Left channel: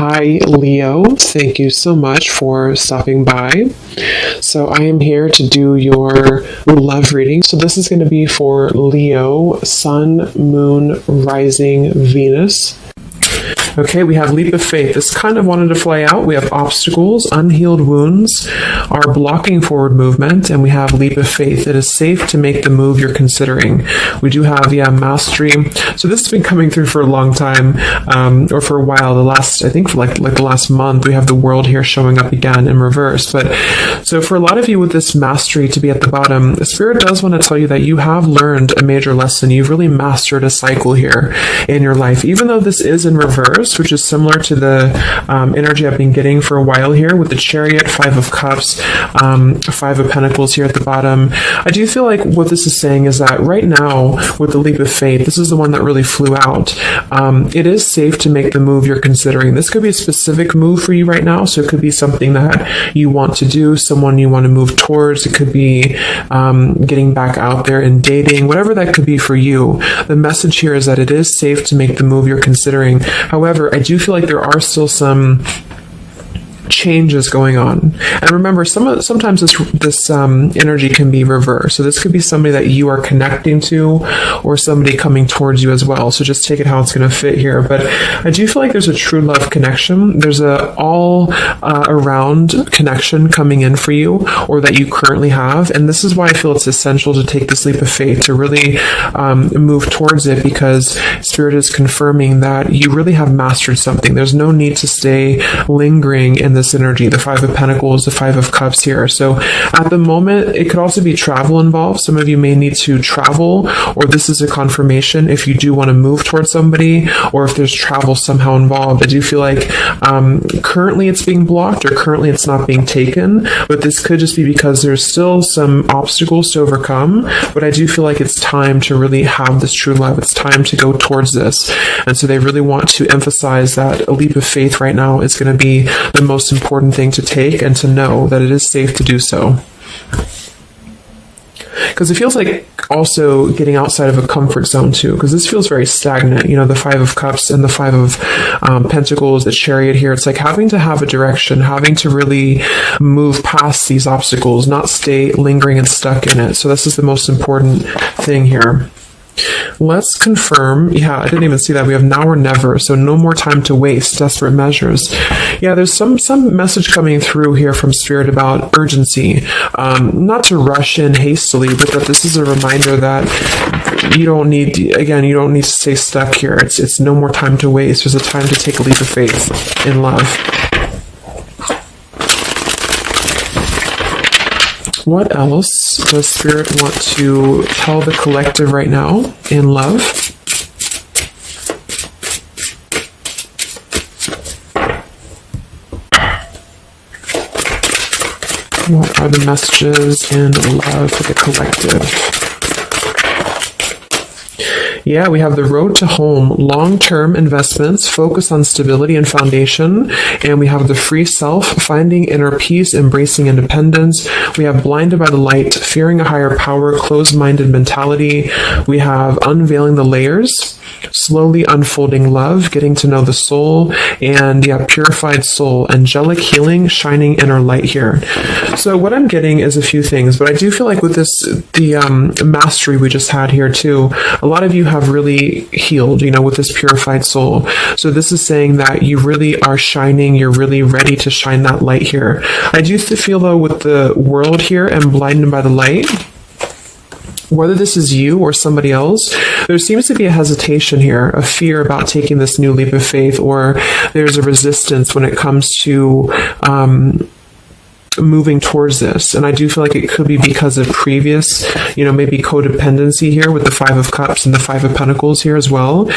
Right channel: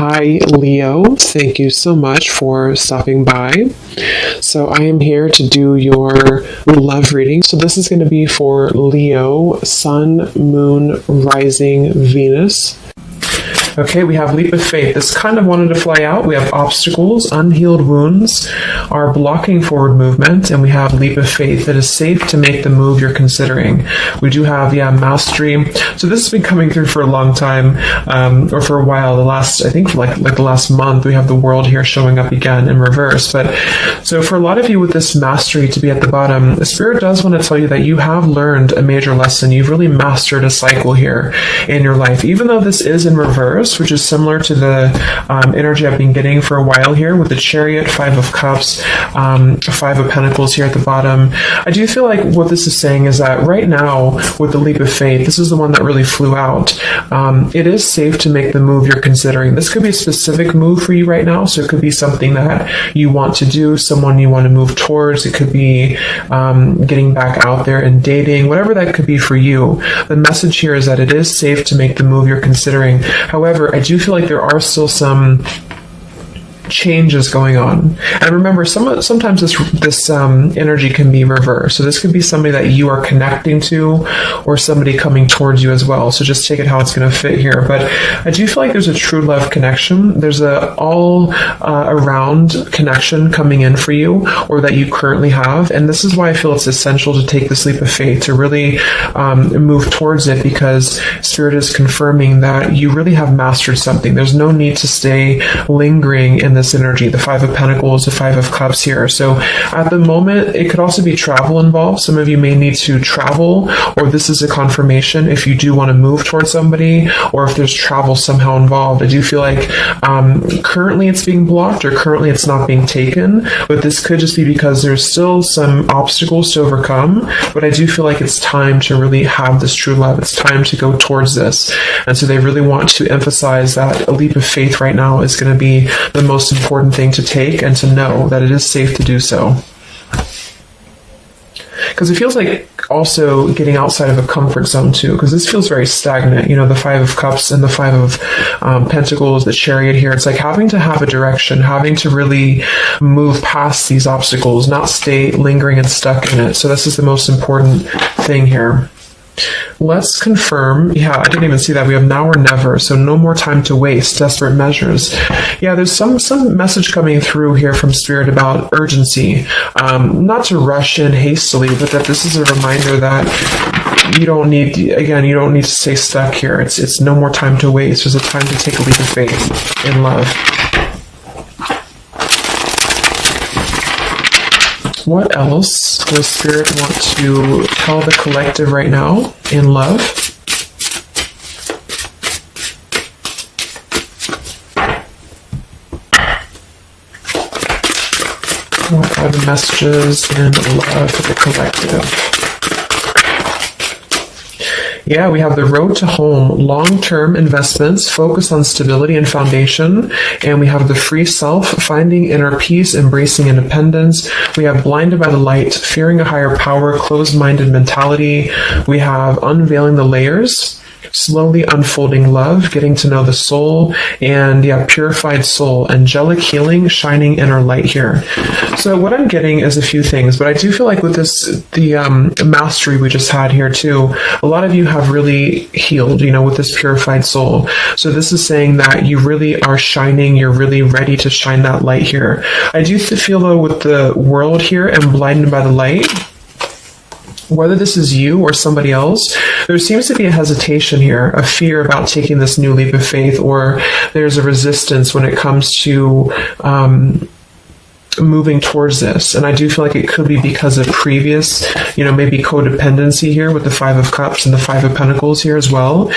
Hi, Leo. Thank you so much for stopping by. So, I am here to do your love reading. So, this is going to be for Leo, Sun, Moon, Rising, Venus. Okay, we have leap of faith. This kind of wanted to fly out. We have obstacles, unhealed wounds are blocking forward movement, and we have leap of faith. It is safe to make the move you're considering. We do have, mastery. So this has been coming through for a long time, or for a while. I think like the last month, we have the world here showing up again in reverse. But so for a lot of you with this mastery to be at the bottom, the Spirit does want to tell you that you have learned a major lesson. You've really mastered a cycle here in your life, even though this is in reverse, which is similar to the energy I've been getting for a while here with the Chariot, Five of Cups, Five of Pentacles here at the bottom. I do feel like what this is saying is that right now, with the leap of faith, this is the one that really flew out. It is safe to make the move you're considering. This could be a specific move for you right now, so it could be something that you want to do, someone you want to move towards. It could be getting back out there and dating, whatever that could be for you. The message here is that it is safe to make the move you're considering. However, I do feel like there are still some changes going on. And remember, sometimes this energy can be reversed. So this could be somebody that you are connecting to or somebody coming towards you as well. So just take it how it's going to fit here. But I do feel like there's a true love connection. There's a all around connection coming in for you, or that you currently have. And this is why I feel it's essential to take this leap of faith, to really move towards it, because Spirit is confirming that you really have mastered something. There's no need to stay lingering in this energy, the Five of Pentacles, the Five of Cups here. So at the moment, it could also be travel involved. Some of you may need to travel, or this is a confirmation if you do want to move towards somebody, or if there's travel somehow involved. I do feel like currently it's being blocked, or currently it's not being taken, but this could just be because there's still some obstacles to overcome. But I do feel like it's time to really have this true love. It's time to go towards this. And so they really want to emphasize that a leap of faith right now is going to be the most important thing to take, and to know that it is safe to do so. Because it feels like also getting outside of a comfort zone too, because this feels very stagnant. The Five of Cups and the Five of Pentacles, the Chariot here. It's like having to have a direction, having to really move past these obstacles, not stay lingering and stuck in it. So this is the most important thing here. Let's confirm. I didn't even see that. We have now or never, so no more time to waste. Desperate measures. There's some message coming through here from Spirit about urgency. Not to rush in hastily, but that this is a reminder that you don't need to stay stuck here. It's no more time to waste. There's a time to take a leap of faith in love. What else does Spirit want to tell the collective right now in love? What are the messages in love for the collective? We have the road to home, long-term investments, focus on stability and foundation. And we have the free self, finding inner peace, embracing independence. We have blinded by the light, fearing a higher power, closed-minded mentality. We have unveiling the layers, slowly unfolding love, getting to know the soul, and purified soul, angelic healing, shining inner light here. So what I'm getting is a few things, but I do feel like with this, the mastery we just had here too, a lot of you have really healed, with this purified soul. So this is saying that you really are shining, you're really ready to shine that light here. I do feel though with the world here and blinded by the light, whether this is you or somebody else, there seems to be a hesitation here, a fear about taking this new leap of faith, or there's a resistance when it comes to moving towards this. And I do feel like it could be because of previous, maybe codependency here with the Five of Cups and the Five of Pentacles here as well.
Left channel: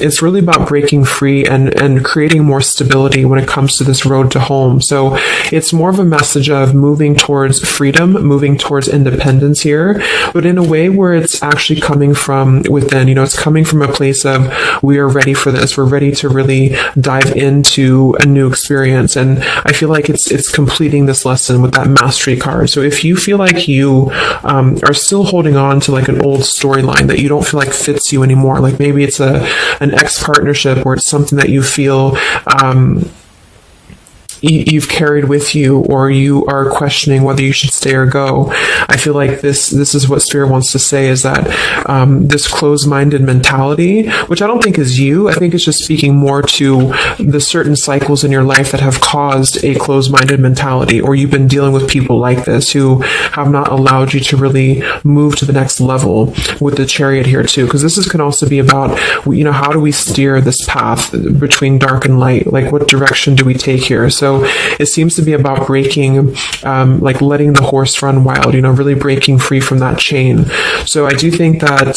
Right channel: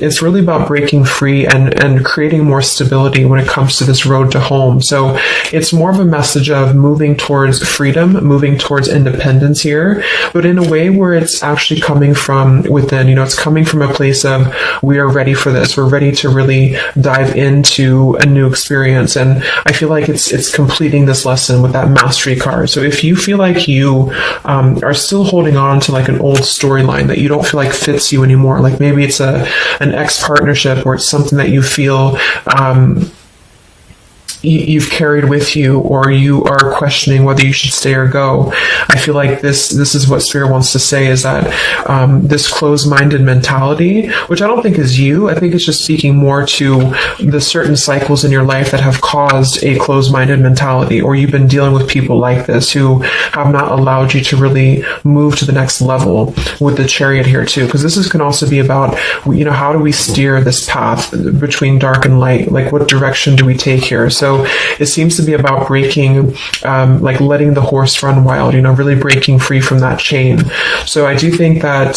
It's really about breaking free and creating more stability when it comes to this road to home. So it's more of a message of moving towards freedom, moving towards independence here, but in a way where it's actually coming from within. It's coming from a place of, we are ready for this. We're ready to really dive into a new experience. And I feel like it's completing this this lesson with that mastery card. So if you feel like you are still holding on to like an old storyline that you don't feel like fits you anymore, like maybe it's an ex-partnership, or it's something that you feel you've carried with you, or you are questioning whether you should stay or go. I feel like this is what Spirit wants to say, is that this closed-minded mentality, which I don't think is you, I think it's just speaking more to the certain cycles in your life that have caused a closed-minded mentality, or you've been dealing with people like this who have not allowed you to really move to the next level with the Chariot here too, because can also be about, how do we steer this path between dark and light? Like, what direction do we take here? So it seems to be about breaking, like letting the horse run wild, really breaking free from that chain. So I do think that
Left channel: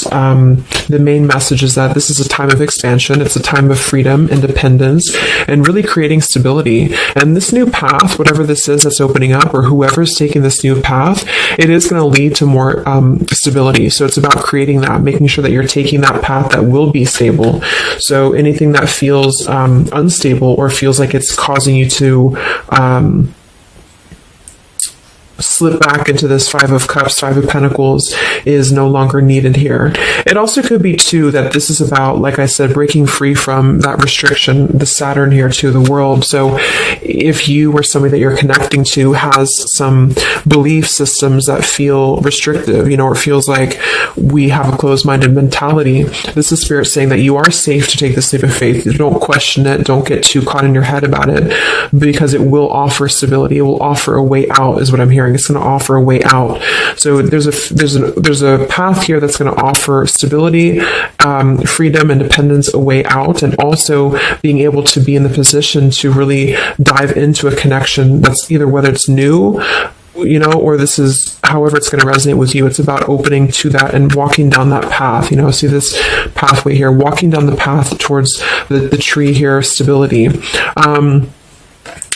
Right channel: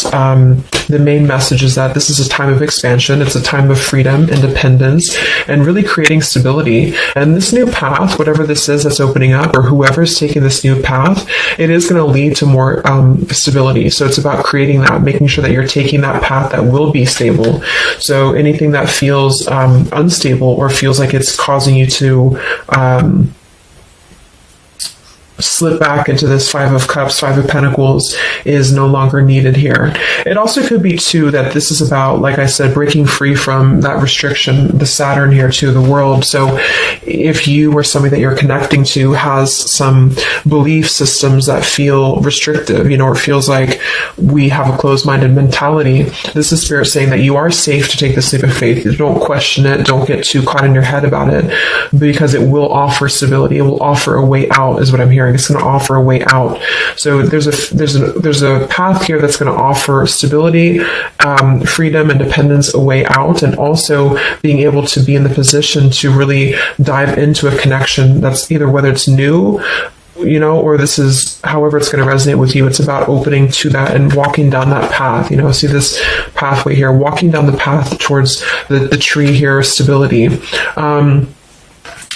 the main message is that this is a time of expansion. It's a time of freedom, independence, and really creating stability. And this new path, whatever this is that's opening up, or whoever's taking this new path, it is going to lead to more stability. So it's about creating that, making sure that you're taking that path that will be stable. So anything that feels unstable, or feels like it's causing you to slip back into this Five of Cups, Five of Pentacles, is no longer needed here. It also could be too that this is about, like I said, breaking free from that restriction, the Saturn here too, the world. So if you or somebody that you're connecting to has some belief systems that feel restrictive, or feels like we have a closed-minded mentality, this is Spirit saying that you are safe to take this leap of faith. Don't question it. Don't get too caught in your head about it, because it will offer stability. It will offer a way out, is what I'm hearing. It's going to offer a way out. So there's a path here that's going to offer stability, freedom, independence, a way out, and also being able to be in the position to really dive into a connection that's either, whether it's new, or this is however it's going to resonate with you. It's about opening to that and walking down that path. See this pathway here, walking down the path towards the tree here, stability.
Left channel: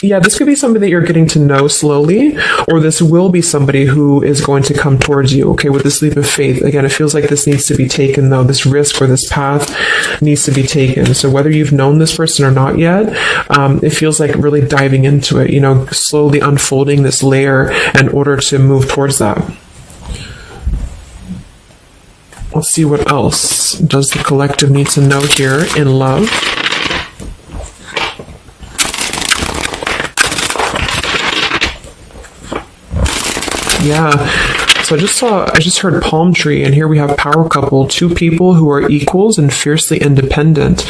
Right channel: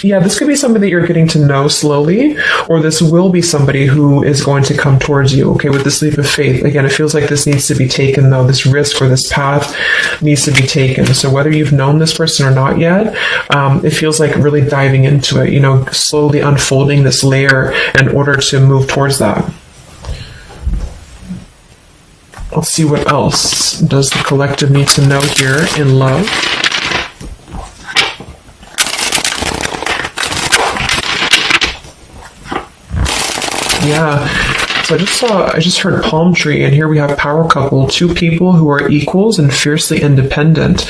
Yeah, this could be somebody that you're getting to know slowly, or this will be somebody who is going to come towards you, okay, with this leap of faith. Again, it feels like this needs to be taken, though. This risk or this path needs to be taken. So whether you've known this person or not yet, it feels like really diving into it, slowly unfolding this layer in order to move towards that. Let's see what else does the collective need to know here in love. Yeah, so I just heard palm tree, and here we have power couple, two people who are equals and fiercely independent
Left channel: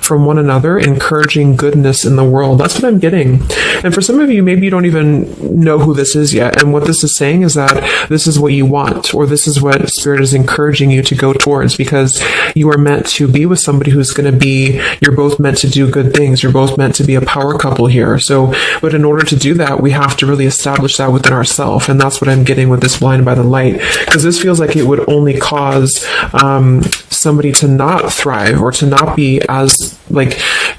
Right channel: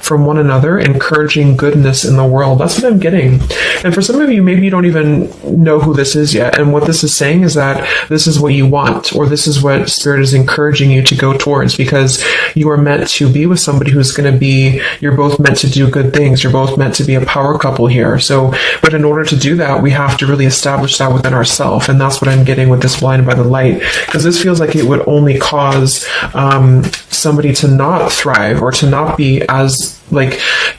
from one another, encouraging goodness in the world. That's what I'm getting. And for some of you, maybe you don't even know who this is yet. And what this is saying is that this is what you want, or this is what Spirit is encouraging you to go towards, because you are meant to be with somebody who's going to be, you're both meant to do good things. You're both meant to be a power couple here. So, but in order to do that, we have to really establish that within ourselves. And that's what I'm getting with this Blinded by the Light, because this feels like it would only cause somebody to not thrive, or to not be as, like,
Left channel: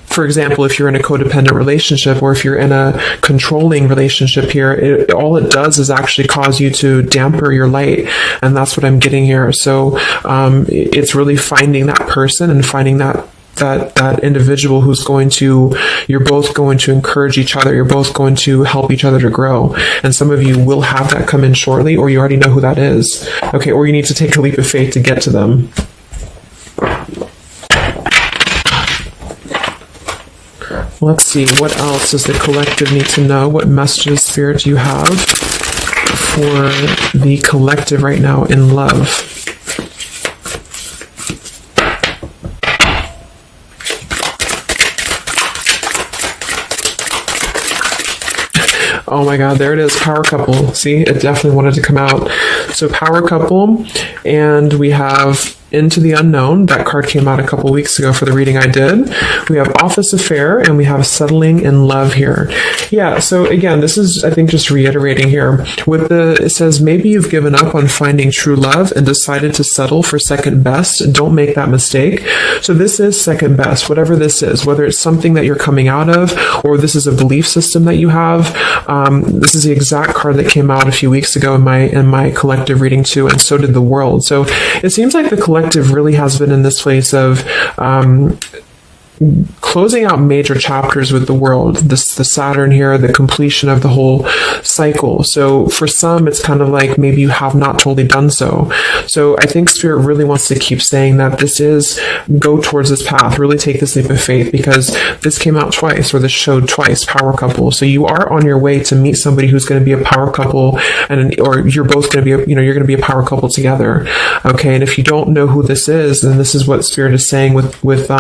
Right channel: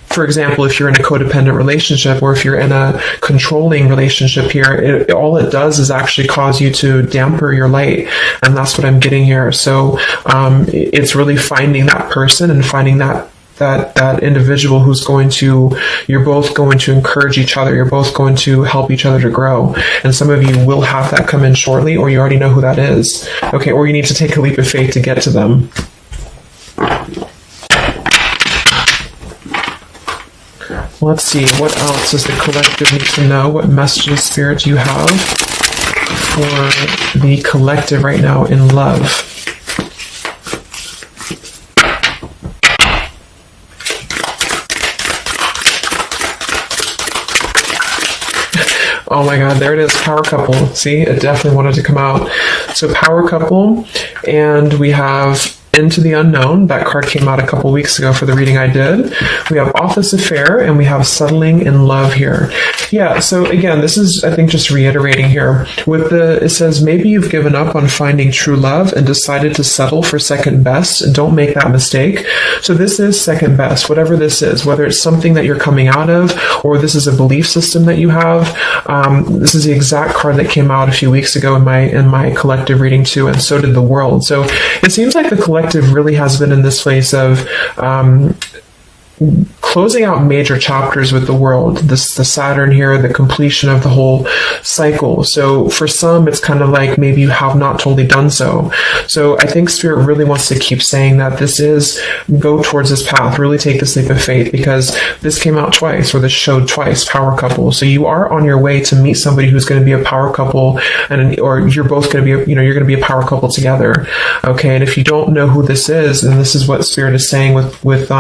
for example, if you're in a codependent relationship, or if you're in a controlling relationship here, all it does is actually cause you to damper your light. And that's what I'm getting here. So it's really finding that person and finding that individual who's you're both going to encourage each other. You're both going to help each other to grow. And some of you will have that come in shortly, or you already know who that is. Okay, or you need to take a leap of faith to get to them. Let's see, what else does the collective need to know? What messages, Spirit, do you have for the collective right now in love? Oh my God, there it is, power couple. See, it definitely wanted to come out. So power couple, and we have Into the Unknown. That card came out a couple weeks ago for the reading I did. We have Office Affair, and we have Settling in Love here. Yeah, so again, this is, I think, just reiterating here. It says, maybe you've given up on finding true love and decided to settle for second best. Don't make that mistake. So this is second best, whatever this is, whether it's something that you're coming out of, or this is a belief system that you have. This is the exact card that came out a few weeks ago in my collective reading too, and so did the world. So it seems like the collective really has been in this place of closing out major chapters with the world. The Saturn here, the completion of the whole cycle. So for some, it's kind of like maybe you have not totally done so. So I think Spirit really wants to keep saying that this is, go towards this path, really take this leap of faith, because this came out twice, or this showed twice, power couple. So you are on your way to meet somebody who's going to be a power couple, or you're both going to be, you're going to be a power couple together. Okay. And if you don't know who this is, then this is what Spirit is saying with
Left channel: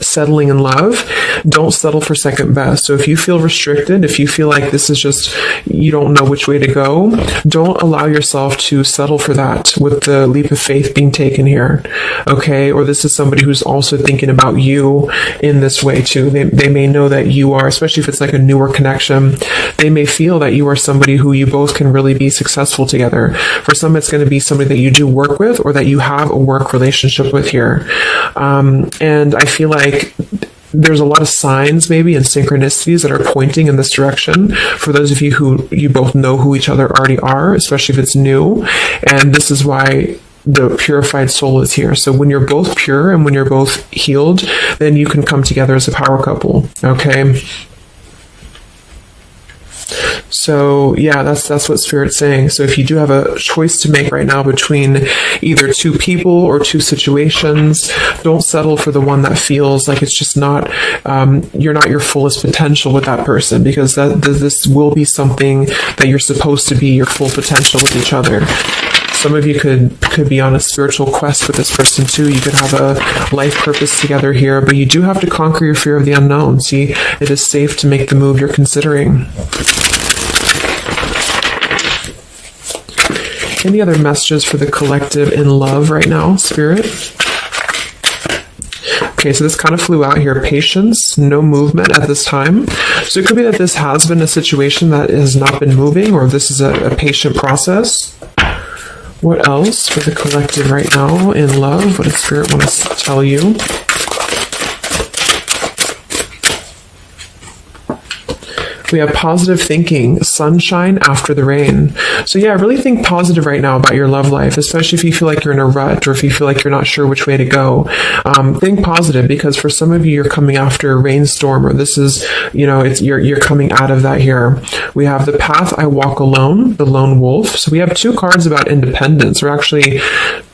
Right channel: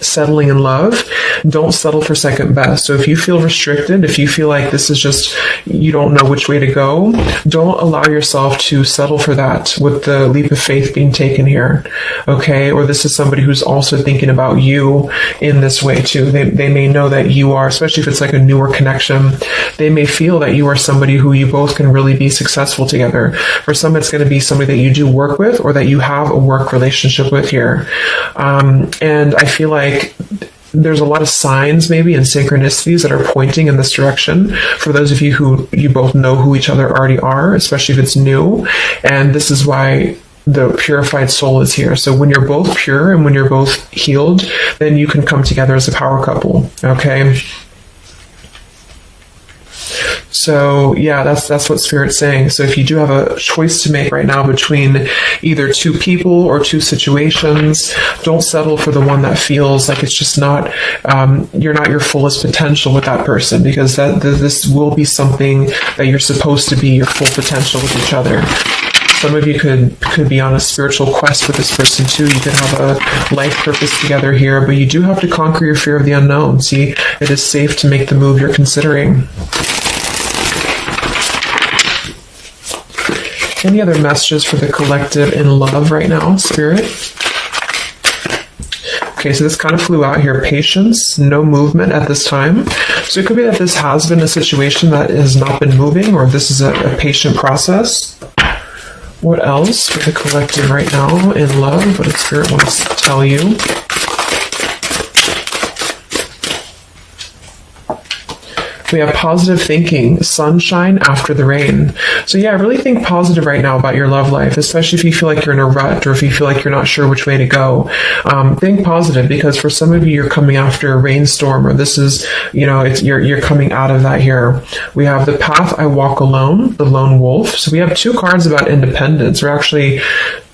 settling in love. Don't settle for second best. So if you feel restricted, if you feel like this is just, you don't know which way to go, don't allow yourself to settle for that with the leap of faith being taken here. Okay? Or this is somebody who's also thinking about you in this way too. They may know that you are, especially if it's like a newer connection, they may feel that you are somebody who you both can really be successful together. For some, it's going to be somebody that you do work with, or that you have a work relationship with here. And I feel like there's a lot of signs maybe and synchronicities that are pointing in this direction for those of you who you both know who each other already are, especially if it's new. And this is why the purified soul is here. So when you're both pure and when you're both healed, then you can come together as a power couple. Okay? So yeah, that's what Spirit's saying. So if you do have a choice to make right now between either two people or two situations, don't settle for the one that feels like it's just not, you're not your fullest potential with that person, because this will be something that you're supposed to be your full potential with each other. Some of you could be on a spiritual quest with this person too. You could have a life purpose together here, but you do have to conquer your fear of the unknown. See, it is safe to make the move you're considering. Any other messages for the collective in love right now, Spirit? Okay, so this kind of flew out here. Patience, no movement at this time. So it could be that this has been a situation that has not been moving, or this is a patient process. What else for the collective right now in love? What does Spirit want to tell you? We have positive thinking, sunshine after the rain. So yeah, I really think positive right now about your love life, especially if you feel like you're in a rut, or if you feel like you're not sure which way to go. Think positive, because for some of you, you're coming after a rainstorm, or this is, you're coming out of that here. We have the path I walk alone, the lone wolf. So we have two cards about independence. We're actually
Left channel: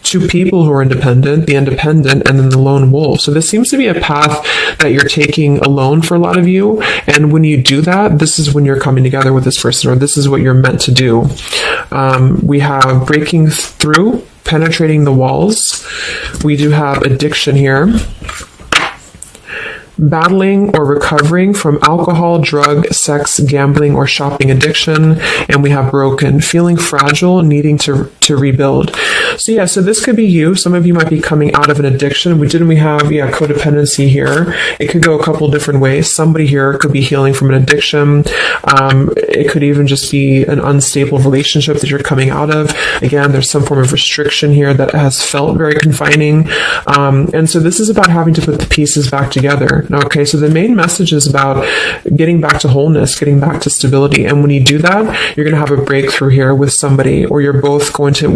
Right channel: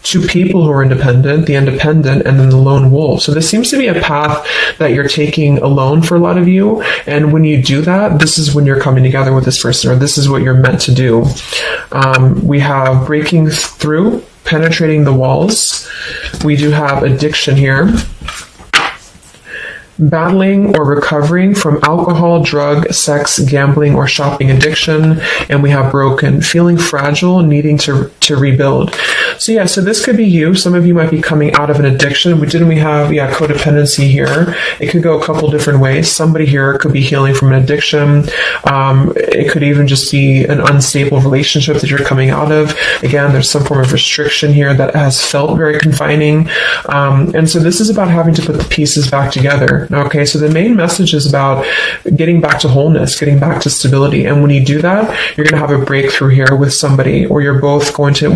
two people who are independent, the independent, and then the lone wolf. So this seems to be a path that you're taking alone for a lot of you. And when you do that, this is when you're coming together with this person, or this is what you're meant to do. We have breaking through, penetrating the walls. We do have addiction here. Battling or recovering from alcohol, drug, sex, gambling, or shopping addiction. And we have broken, feeling fragile, needing to rebuild. So yeah, so this could be you. Some of you might be coming out of an addiction. We have codependency here. It could go a couple different ways. Somebody here could be healing from an addiction. It could even just be an unstable relationship that you're coming out of. Again, there's some form of restriction here that has felt very confining. And so this is about having to put the pieces back together. Okay, so the main message is about getting back to wholeness, getting back to stability. And when you do that, you're going to have a breakthrough here with somebody, or you're both going to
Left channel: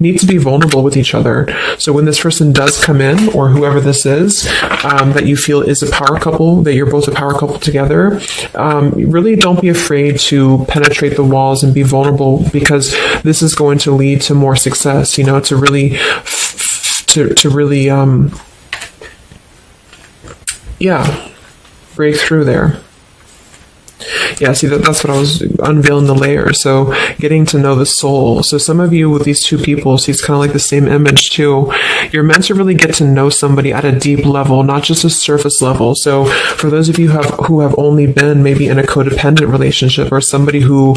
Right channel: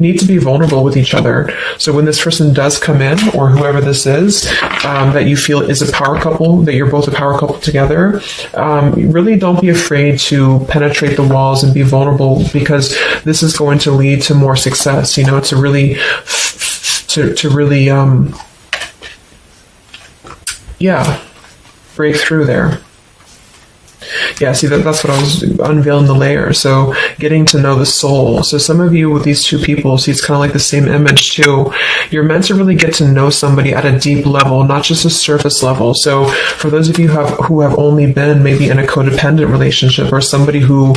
need to be vulnerable with each other. So when this person does come in, or whoever this is, that you feel is a power couple, that you're both a power couple together, really don't be afraid to penetrate the walls and be vulnerable, because this is going to lead to more success, to really break through there. Yeah, see, that's what I was unveiling the layer. So getting to know the soul. So some of you with these two people, see, it's kind of like the same image too. You're meant to really get to know somebody at a deep level, not just a surface level. So for those of you who have only been maybe in a codependent relationship, or somebody who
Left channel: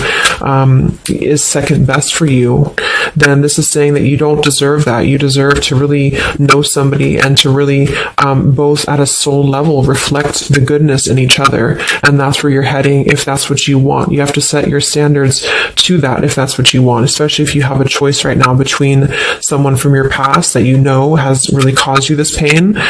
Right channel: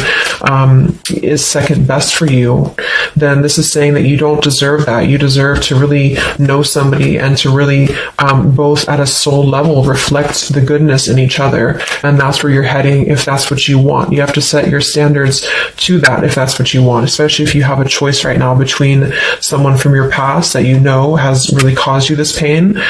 is second best for you, then this is saying that you don't deserve that. You deserve to really know somebody, and to really both at a soul level reflect the goodness in each other. And that's where you're heading if that's what you want. You have to set your standards to that if that's what you want, especially if you have a choice right now between someone from your past that has really caused you this pain,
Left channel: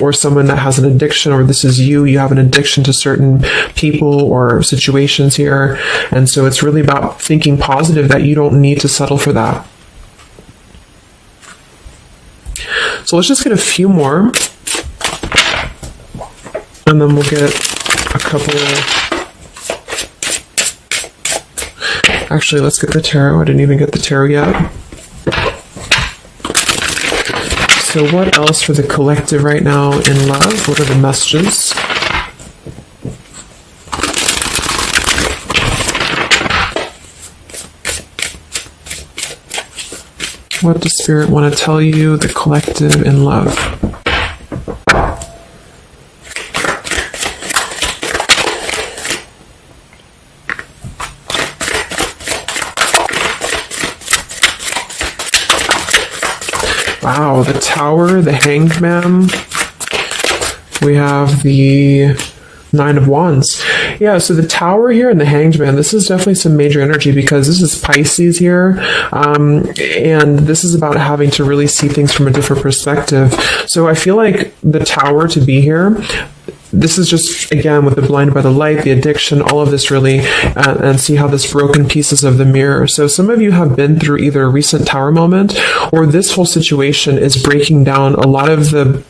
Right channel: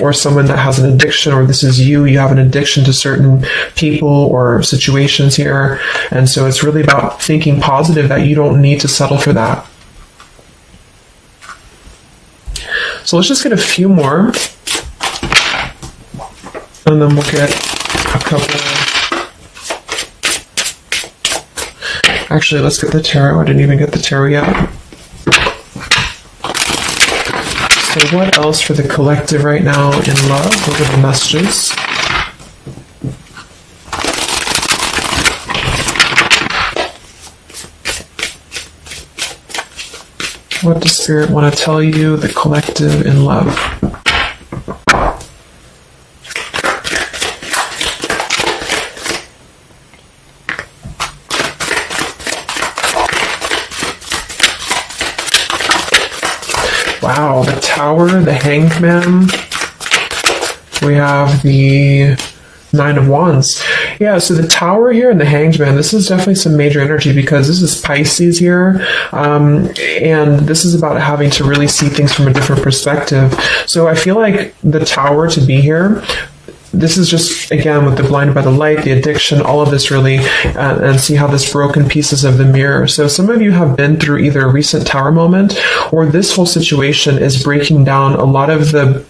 or someone that has an addiction, or this is you have an addiction to certain people or situations here. And so it's really about thinking positive, that you don't need to settle for that. So let's just get a few more And then we'll get a couple. Actually, let's get the tarot. I didn't even get the tarot yet. So what else for the collective right now in love? What are the messages? What does Spirit want to tell you, the collective in love? Wow, the Tower, the Hanged Man. We have the Nine of Wands. Yeah, so the Tower here and the Hanged Man, this is definitely some major energy because this is Pisces here, and this is about having to really see things from a different perspective. So I feel like the Tower to be here, this is just, again, with the blinded by the light, the addiction, all of this really, and see how this broken pieces of the mirror. So some of you have been through either a recent Tower moment or this whole situation is breaking down a lot of the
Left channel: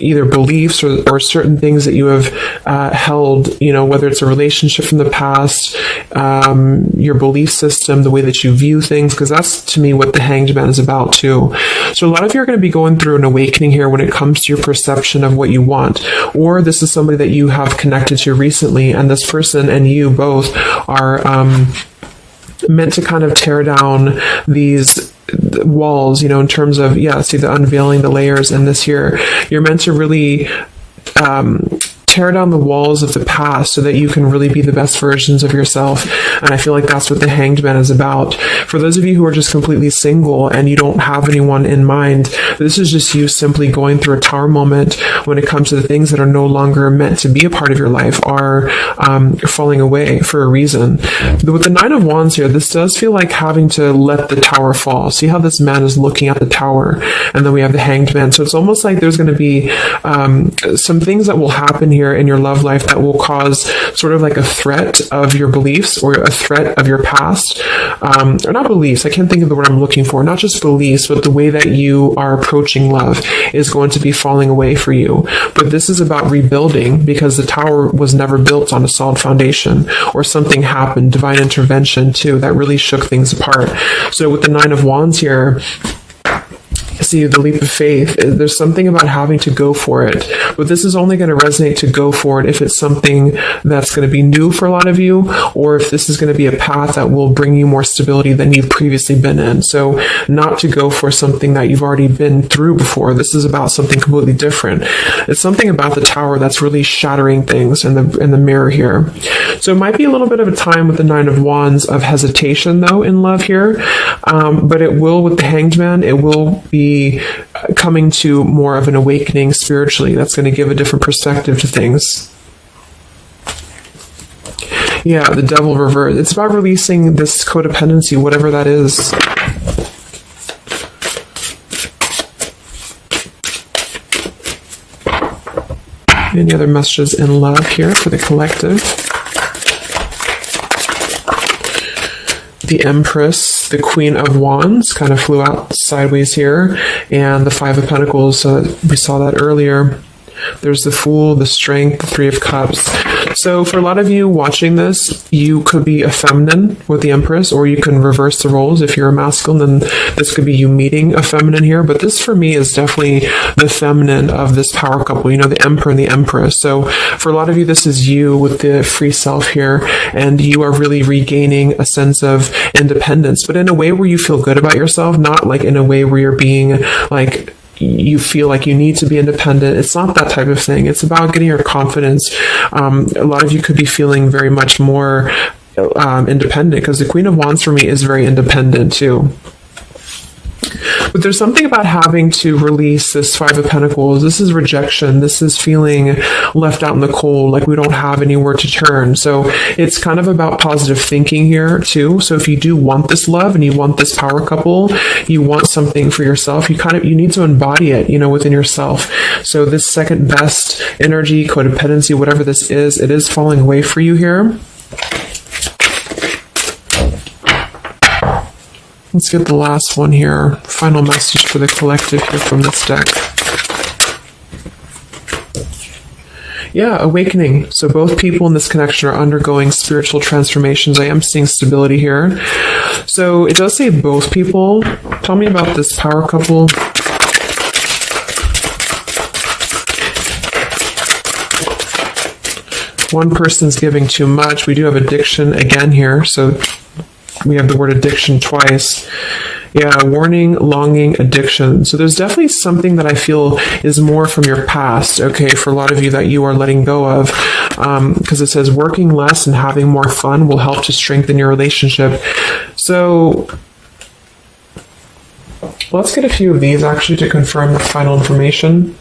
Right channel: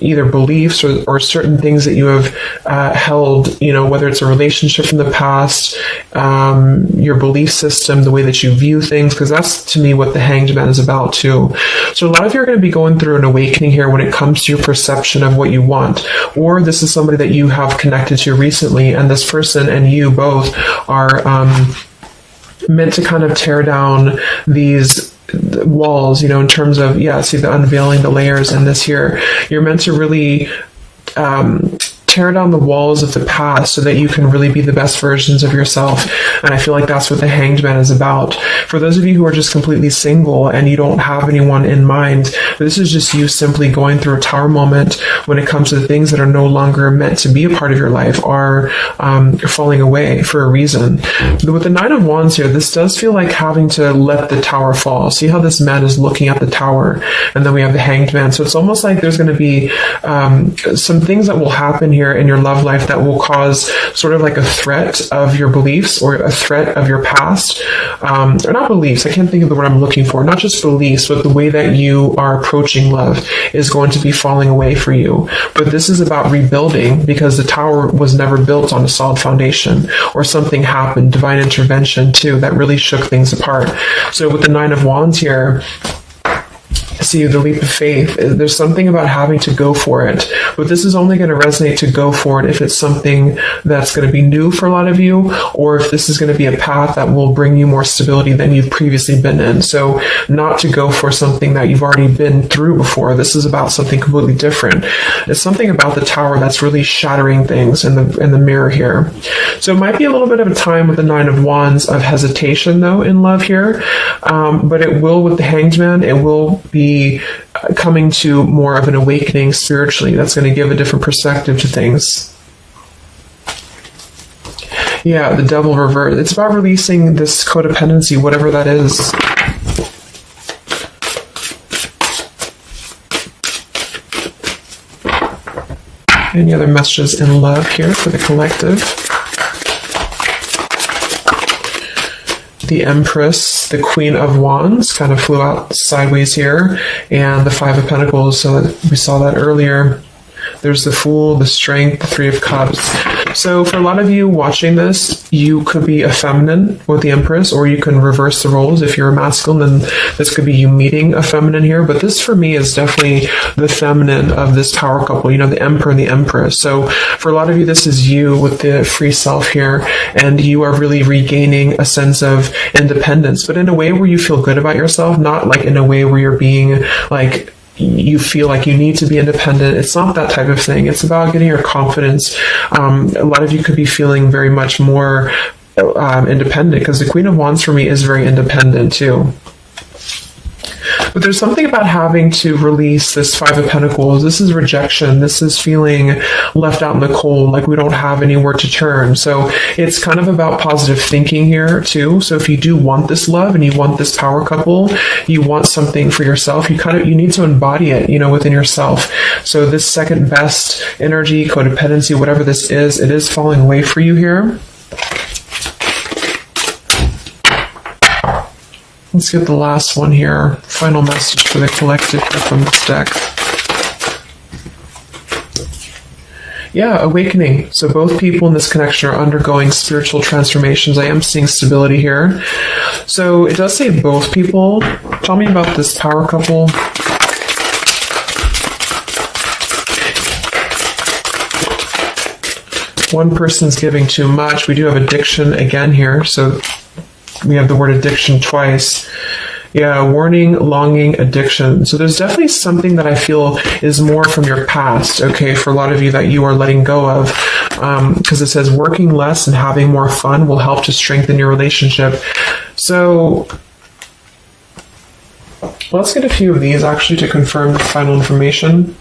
either beliefs or certain things that you have held, you know, whether it's a relationship from the past, your belief system, the way that you view things, because that's, to me, what the Hanged Man is about, too. So a lot of you are going to be going through an awakening here when it comes to your perception of what you want, or this is somebody that you have connected to recently, and this person and you both are meant to kind of tear down these walls, you know, in terms of, see the unveiling the layers in this here. You're meant to really tear down the walls of the past so that you can really be the best versions of yourself. And I feel like that's what the Hanged Man is about. For those of you who are just completely single and you don't have anyone in mind, this is just you simply going through a Tower moment when it comes to the things that are no longer meant to be a part of your life, are falling away for a reason. With the Nine of Wands here, this does feel like having to let the Tower fall. See how this man is looking at the Tower, and then we have the Hanged Man. So it's almost like there's going to be some things that will happen here in your love life that will cause sort of like a threat of your beliefs or a threat of your past. Or not beliefs, I can't think of the word I'm looking for. Not just beliefs, but the way that you are approaching love is going to be falling away for you. But this is about rebuilding, because the Tower was never built on a solid foundation, or something happened, divine intervention too, that really shook things apart. So with the Nine of Wands here, see the leap of faith, there's something about having to go for it, but this is only going to resonate to go for it if it's something that's going to be new for a lot of you, or if this is going to be a path that will bring you more stability than you've previously been in. So not to go for something that you've already been through before. This is about something completely different. It's something about the Tower that's really shattering things in the mirror here. So it might be a little bit of a time with the Nine of Wands of hesitation though in love here, but it will, with the Hanged Man, it will be coming to more of an awakening spiritually. That's going to give a different perspective to things. Yeah, the Devil reverse. It's about releasing this codependency, whatever that is. Any other messages in love here for the collective? The Empress, the Queen of Wands, kind of flew out sideways here, and the Five of Pentacles, so we saw that earlier. There's the Fool, the Strength, the Three of Cups. So for a lot of you watching this, you could be a feminine with the Empress, or you can reverse the roles. If you're a masculine, then this could be you meeting a feminine here. But this for me is definitely the feminine of this power couple, you know, the Emperor and the Empress. So for a lot of you, this is you with the free self here, and you are really regaining a sense of independence, but in a way where you feel good about yourself, not like in a way where you're being like, you feel like you need to be independent. It's not that type of thing. It's about getting your confidence. A lot of you could be feeling very much more independent, because the Queen of Wands for me is very independent too. But there's something about having to release this Five of Pentacles. This is rejection. This is feeling left out in the cold, like we don't have anywhere to turn. So it's kind of about positive thinking here too. So if you do want this love and you want this power couple, you want something for yourself, you need to embody it, you know, within yourself. So this second best energy, codependency, whatever this is, it is falling away for you here. Let's get the last one here. Final message for the collective here from this deck. Yeah, awakening. So both people in this connection are undergoing spiritual transformations. I am seeing stability here. So it does say both people. Tell me about this power couple. One person's giving too much. We do have addiction again here. So we have the word addiction twice. Yeah, warning, longing, addiction. So there's definitely something that I feel is more from your past, okay, for a lot of you that you are letting go of. Because it says working less and having more fun will help to strengthen your relationship. So let's get a few of these actually to confirm the final information.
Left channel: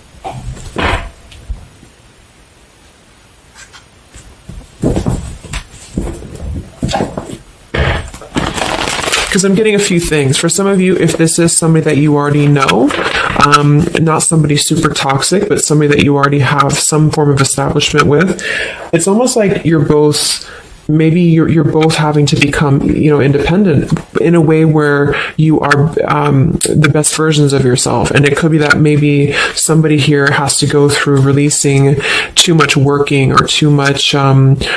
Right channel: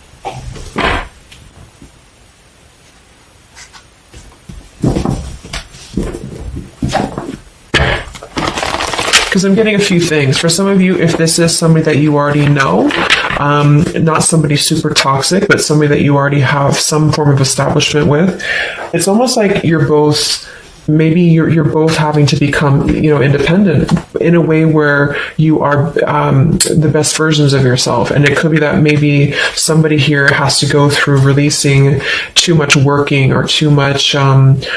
Because I'm getting a few things. For some of you, if this is somebody that you already know, not somebody super toxic, but somebody that you already have some form of establishment with, it's almost like you're both, maybe you're both having to become, independent in a way where you are the best versions of yourself. And it could be that maybe somebody here has to go through releasing too much working or too much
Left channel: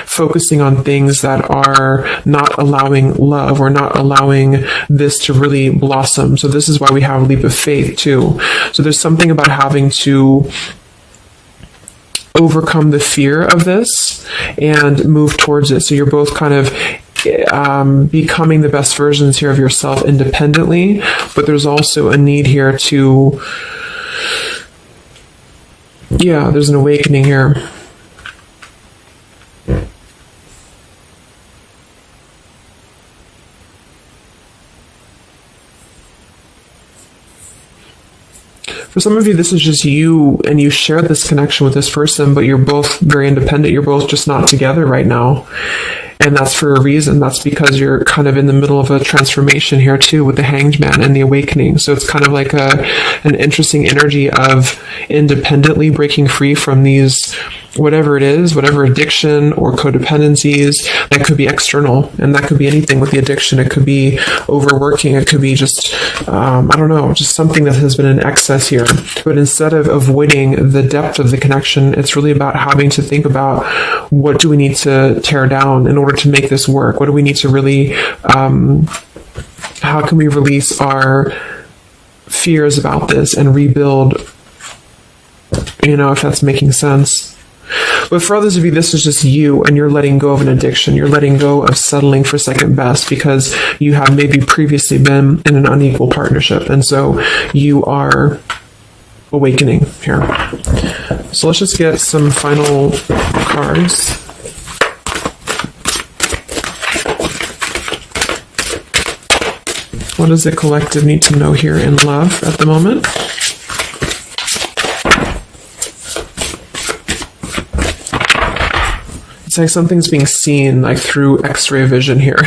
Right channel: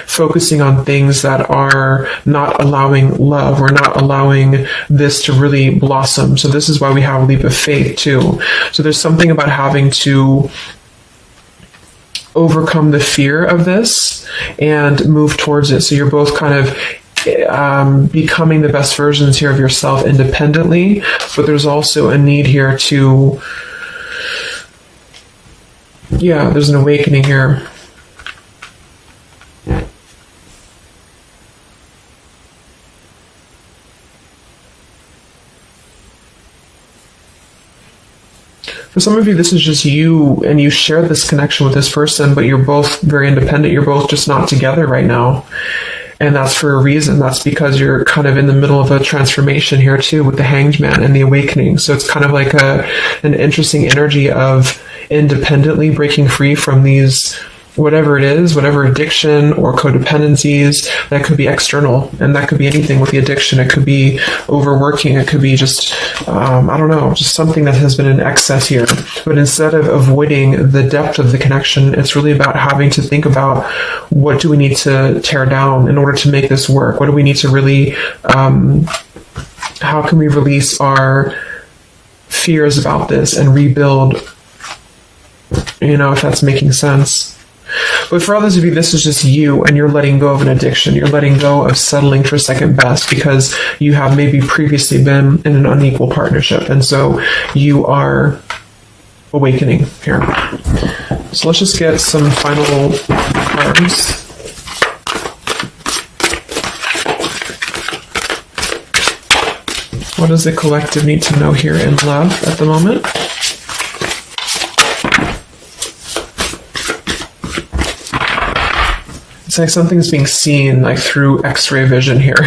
focusing on things that are not allowing love or not allowing this to really blossom. So this is why we have a leap of faith too. So there's something about having to overcome the fear of this and move towards it. So you're both kind of becoming the best versions here of yourself independently, but there's also a need here to, there's an awakening here. For some of you, this is just you, and you share this connection with this person, but you're both very independent. You're both just not together right now. And that's for a reason. That's because you're kind of in the middle of a transformation here too with the Hanged Man and the awakening. So it's kind of like an interesting energy of independently breaking free from these, whatever it is, whatever addiction or codependencies, that could be external, and that could be anything with the addiction. It could be overworking. It could be just, just something that has been in excess here. But instead of avoiding the depth of the connection, it's really about having to think about what do we need to tear down in order to make this work? What do we need to really, how can we release our fears about this and rebuild, if that's making sense. But for others of you, this is just you, and you're letting go of an addiction. You're letting go of settling for second best because you have maybe previously been in an unequal partnership. And so you are awakening here. So let's just get some final cards. What does the collective need to know here in love at the moment? It's like something's being seen like through X-ray vision here.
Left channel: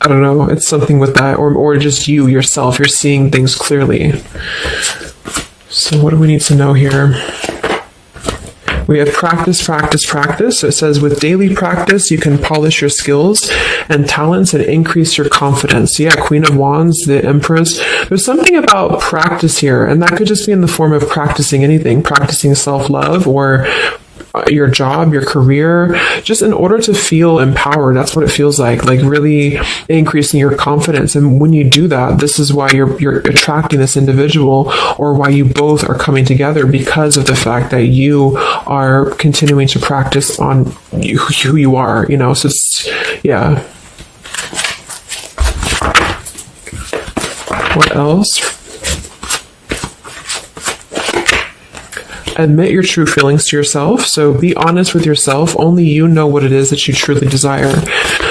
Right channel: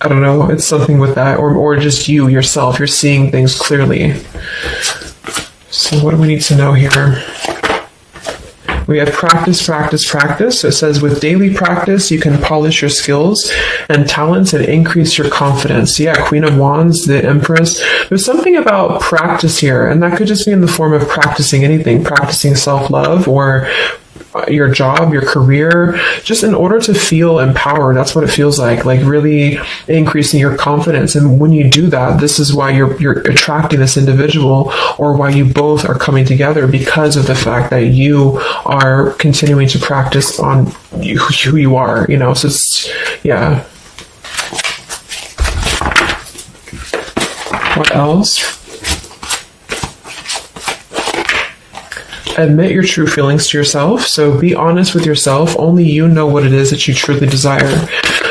I don't know. It's something with that, or just you yourself. You're seeing things clearly. So what do we need to know here? We have practice, practice, practice. So it says with daily practice, you can polish your skills and talents and increase your confidence. Yeah, Queen of Wands, the Empress. There's something about practice here, and that could just be in the form of practicing anything, practicing self-love or your job, your career, just in order to feel empowered. That's what it feels like really increasing your confidence. And when you do that, this is why you're attracting this individual, or why you both are coming together, because of the fact that you are continuing to practice on who you are, so it's, What else? Admit your true feelings to yourself. So be honest with yourself. Only you know what it is that you truly desire.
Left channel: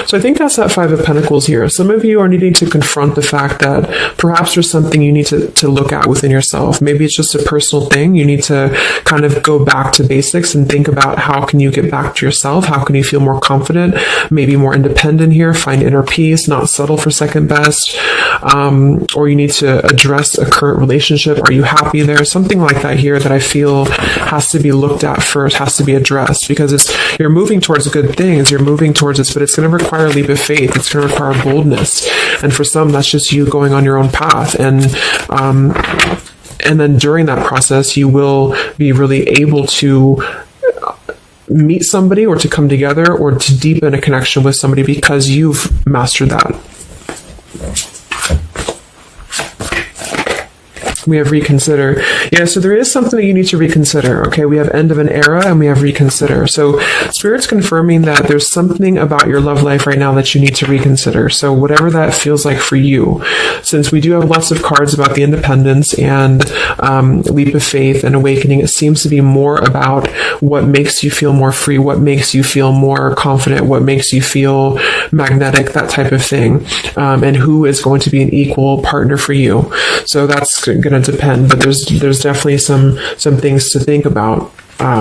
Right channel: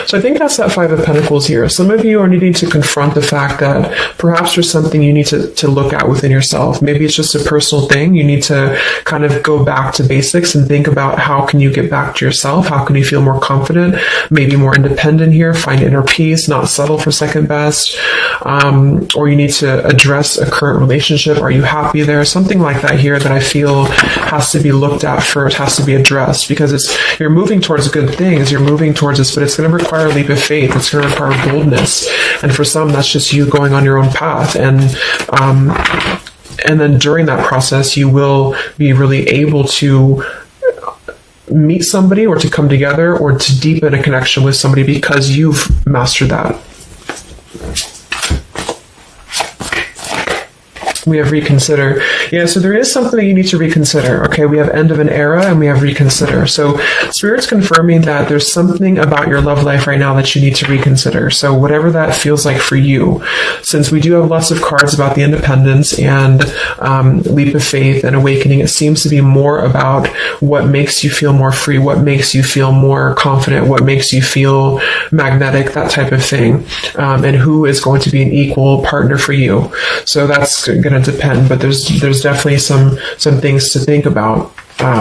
So I think that's that Five of Pentacles here. Some of you are needing to confront the fact that perhaps there's something you need to look at within yourself. Maybe it's just a personal thing. You need to kind of go back to basics and think about how can you get back to yourself? How can you feel more confident, maybe more independent here, find inner peace, not settle for second best, or you need to address a current relationship. Are you happy there? Something like that here that I feel has to be looked at first, has to be addressed, because you're moving towards good things, you're moving towards this, but it's going to require a leap of faith, it's going to require boldness, and for some that's just you going on your own path, and then during that process you will be really able to meet somebody or to come together or to deepen a connection with somebody because you've mastered that. We have reconsider. Yeah, so there is something that you need to reconsider. Okay, we have end of an era and we have reconsider. So Spirit's confirming that there's something about your love life right now that you need to reconsider. So whatever that feels like for you, since we do have lots of cards about the independence and leap of faith and awakening, it seems to be more about what makes you feel more free, what makes you feel more confident, what makes you feel magnetic, that type of thing, and who is going to be an equal partner for you. So that's going to depend, but there's definitely some things to think about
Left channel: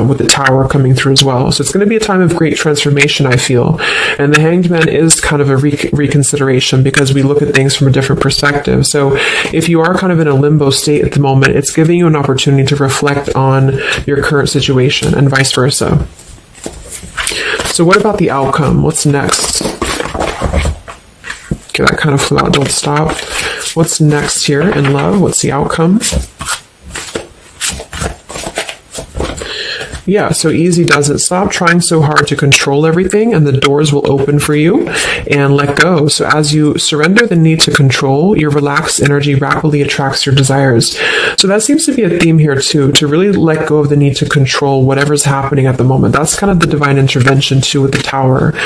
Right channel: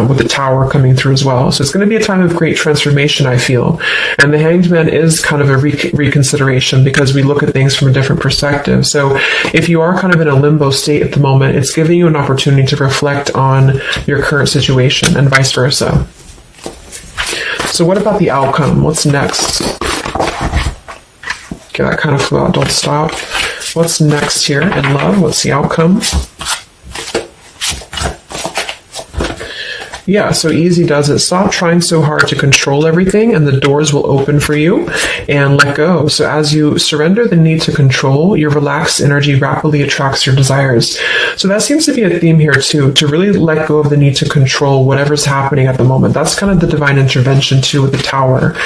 with the Tower coming through as well. So it's going to be a time of great transformation, I feel. And the Hanged Man is kind of a reconsideration because we look at things from a different perspective. So if you are kind of in a limbo state at the moment, it's giving you an opportunity to reflect on your current situation and vice versa. So what about the outcome? What's next? Okay, that kind of flew out. Don't stop. What's next here in love? What's the outcome? Yeah, so easy does it. Stop trying so hard to control everything and the doors will open for you, and let go. So as you surrender the need to control, your relaxed energy rapidly attracts your desires. So that seems to be a theme here too, to really let go of the need to control whatever's happening at the moment. That's kind of the divine intervention too with the Tower.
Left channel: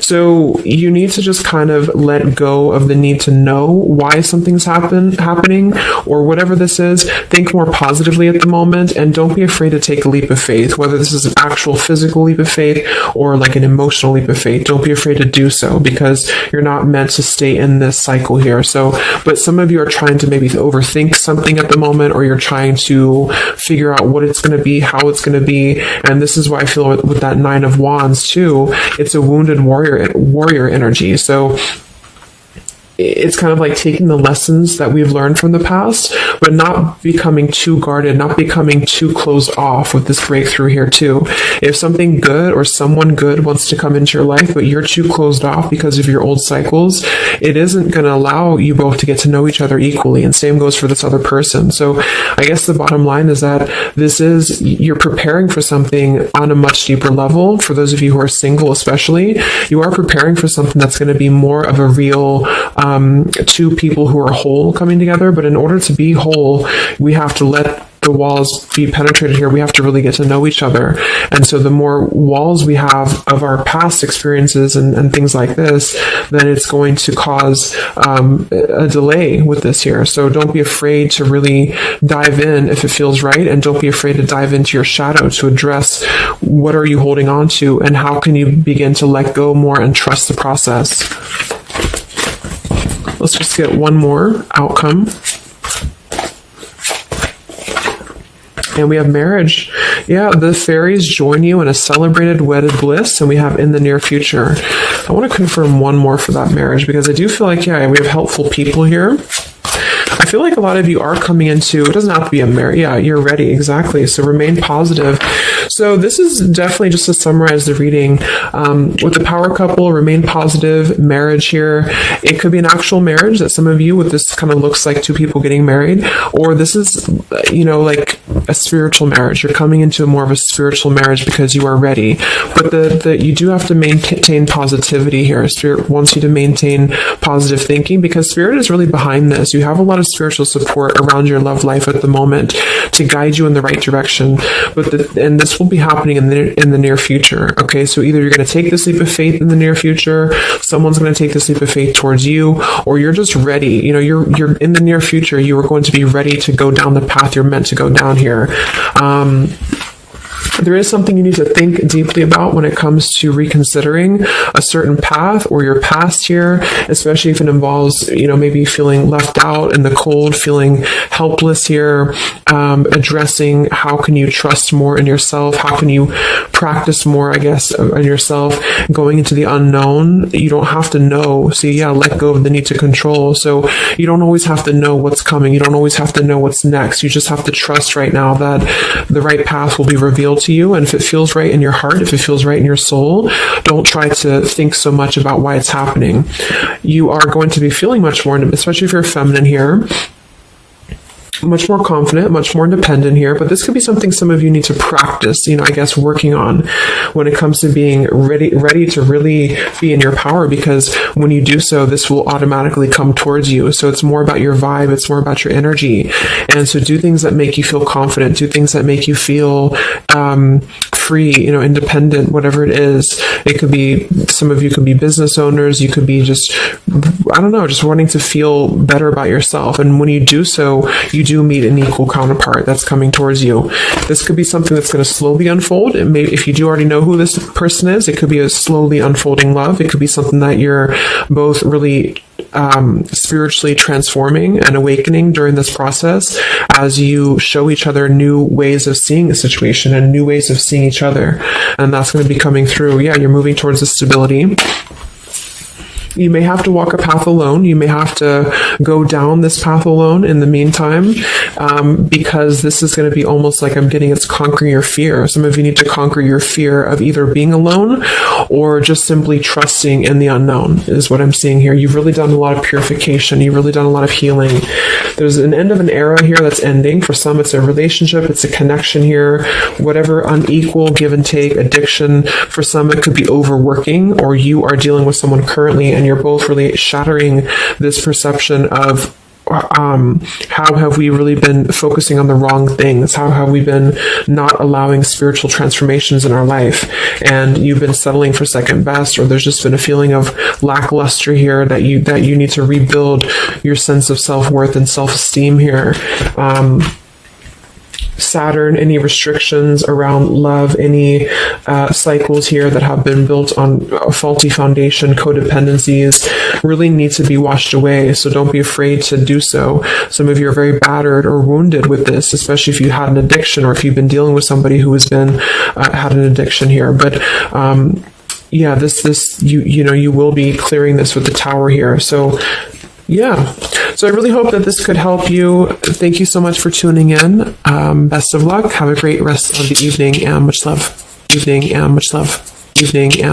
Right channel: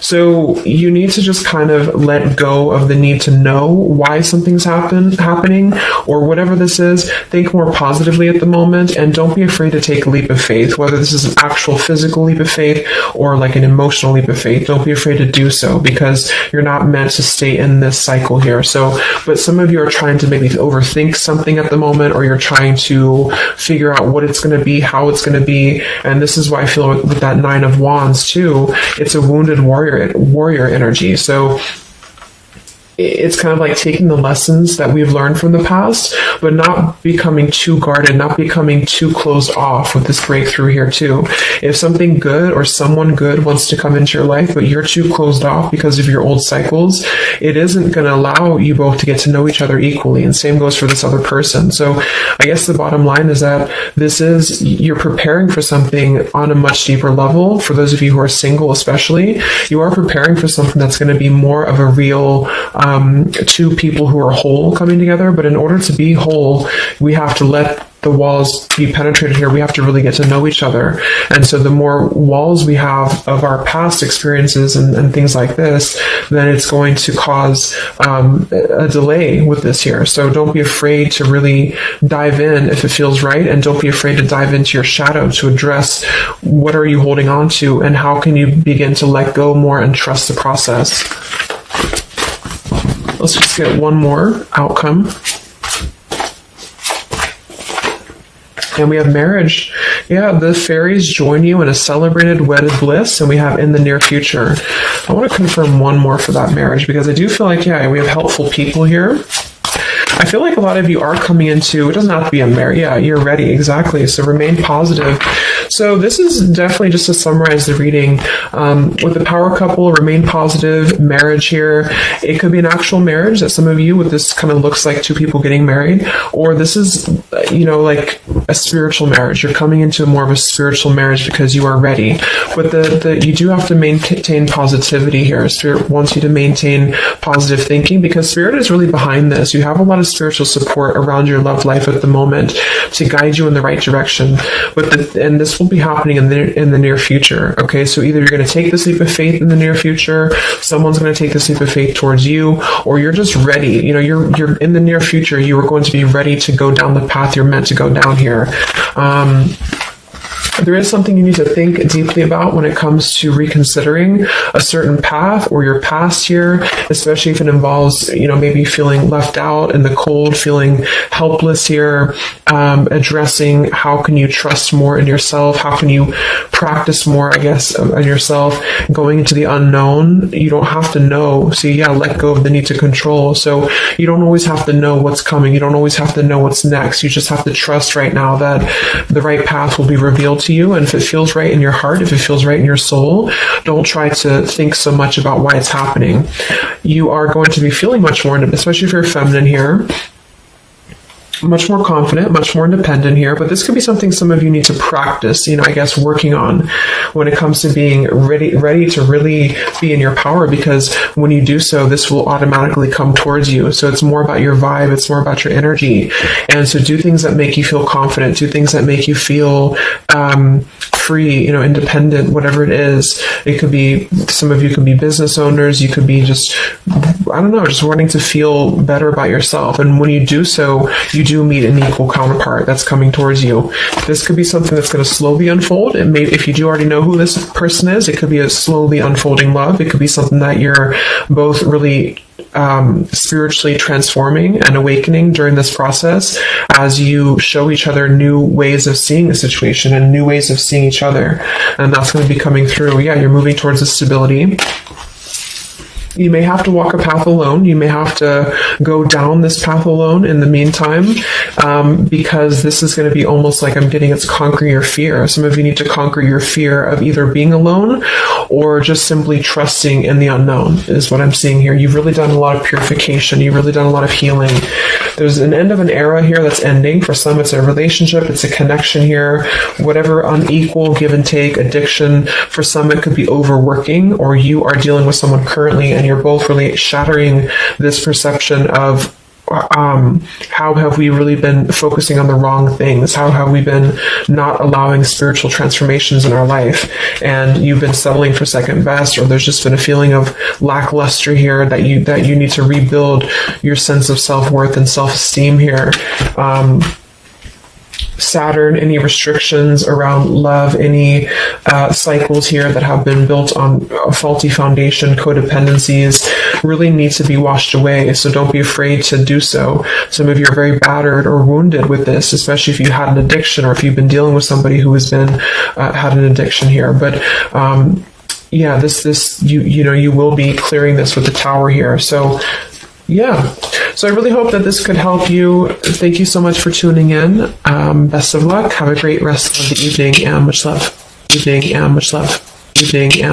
So you need to just kind of let go of the need to know why something's happening or whatever this is. Think more positively at the moment and don't be afraid to take a leap of faith. Whether this is an actual physical leap of faith or like an emotional leap of faith, don't be afraid to do so because you're not meant to stay in this cycle here. So, but some of you are trying to maybe overthink something at the moment, or you're trying to figure out what it's going to be, how it's going to be. And this is why I feel with that Nine of Wands too, it's a wounded warrior energy. So it's kind of like taking the lessons that we've learned from the past, but not becoming too guarded, not becoming too closed off with this breakthrough here too. If something good or someone good wants to come into your life, but you're too closed off because of your old cycles, it isn't going to allow you both to get to know each other equally. And same goes for this other person. So I guess the bottom line is that you're preparing for something on a much deeper level. For those of you who are single especially, you are preparing for something that's going to be more of a real two people who are whole coming together. But in order to be whole, we have to let the walls be penetrated here. We have to really get to know each other. And so the more walls we have of our past experiences and things like this, then it's going to cause a delay with this here. So don't be afraid to really dive in if it feels right. And don't be afraid to dive into your shadow to address what are you holding on to and how can you begin to let go more and trust the process. Let's just get one more outcome. And we have marriage. Yeah, the fairies join you in a celebrated wedded bliss, and we have in the near future. I want to confirm one more for that marriage because I do feel like, yeah, we have helpful people here. I feel like a lot of you are coming into, it doesn't have to be a marriage. Yeah, you're ready. Exactly. So remain positive. So this is definitely just to summarize the reading. With the power couple, remain positive, marriage here. It could be an actual marriage that some of you with this kind of looks like two people getting married, or this is, like a spiritual marriage. You're coming into more of a spiritual marriage because you are ready. But you do have to maintain positivity here. Spirit wants you to maintain positive thinking because Spirit is really behind this. You have a lot of spiritual support around your love life at the moment to guide you in the right direction. And this will be happening in the near future. Okay, so either you're going to take this leap of faith in the near future, someone's going to take this leap of faith towards you, or you're just ready. You're in the near future. You are going to be ready to go down the path you're meant to go down here. There is something you need to think deeply about when it comes to reconsidering a certain path or your past here, especially if it involves, maybe feeling left out in the cold, feeling helpless here, addressing how can you trust more in yourself, how can you practice more, I guess, on yourself, going into the unknown. You don't have to know. So yeah, let go of the need to control. So you don't always have to know what's coming. You don't always have to know what's next. You just have to trust right now that the right path will be revealed to you. And if it feels right in your heart, if it feels right in your soul, don't try to think so much about why it's happening. You are going to be feeling much more, especially if you're feminine here. much more confident, much more independent here, but this could be something some of you need to practice, I guess, working on when it comes to being ready to really be in your power, because when you do so, this will automatically come towards you. So it's more about your vibe, it's more about your energy. And so do things that make you feel confident, do things that make you feel free, independent, whatever it is. It could be, some of you could be business owners, you could be just wanting to feel better about yourself. And when you do so, you do meet an equal counterpart that's coming towards you. This could be something that's going to slowly unfold. It may, if you do already know who this person is, it could be a slowly unfolding love. It could be something that you're both really spiritually transforming and awakening during this process as you show each other new ways of seeing the situation and new ways of seeing each other. And that's going to be coming through. Yeah, you're moving towards a stability. You may have to walk a path alone. You may have to go down this path alone in the meantime, because this is going to be almost like I'm getting it's conquering your fear. Some of you need to conquer your fear of either being alone or just simply trusting in the unknown is what I'm seeing here. You've really done a lot of purification. You've really done a lot of healing. There's an end of an era here that's ending. For some, it's a relationship. It's a connection here. Whatever unequal give and take, addiction. For some, it could be overworking, or you are dealing with someone currently and you're both really shattering this perception of how have we really been focusing on the wrong things? How have we been not allowing spiritual transformations in our life? And you've been settling for second best, or there's just been a feeling of lackluster here that you need to rebuild your sense of self-worth and self-esteem here. Saturn, any restrictions around love, any cycles here that have been built on a faulty foundation, codependencies, really need to be washed away. So don't be afraid to do so. Some of you are very battered or wounded with this, especially if you had an addiction or if you've been dealing with somebody who has been had an addiction here. But yeah, this you will be clearing this with the Tower here. So yeah. So I really hope that this could help you. Thank you so much for tuning in. Best of luck. Have a great rest of the evening and much love. Evening and much love. Evening and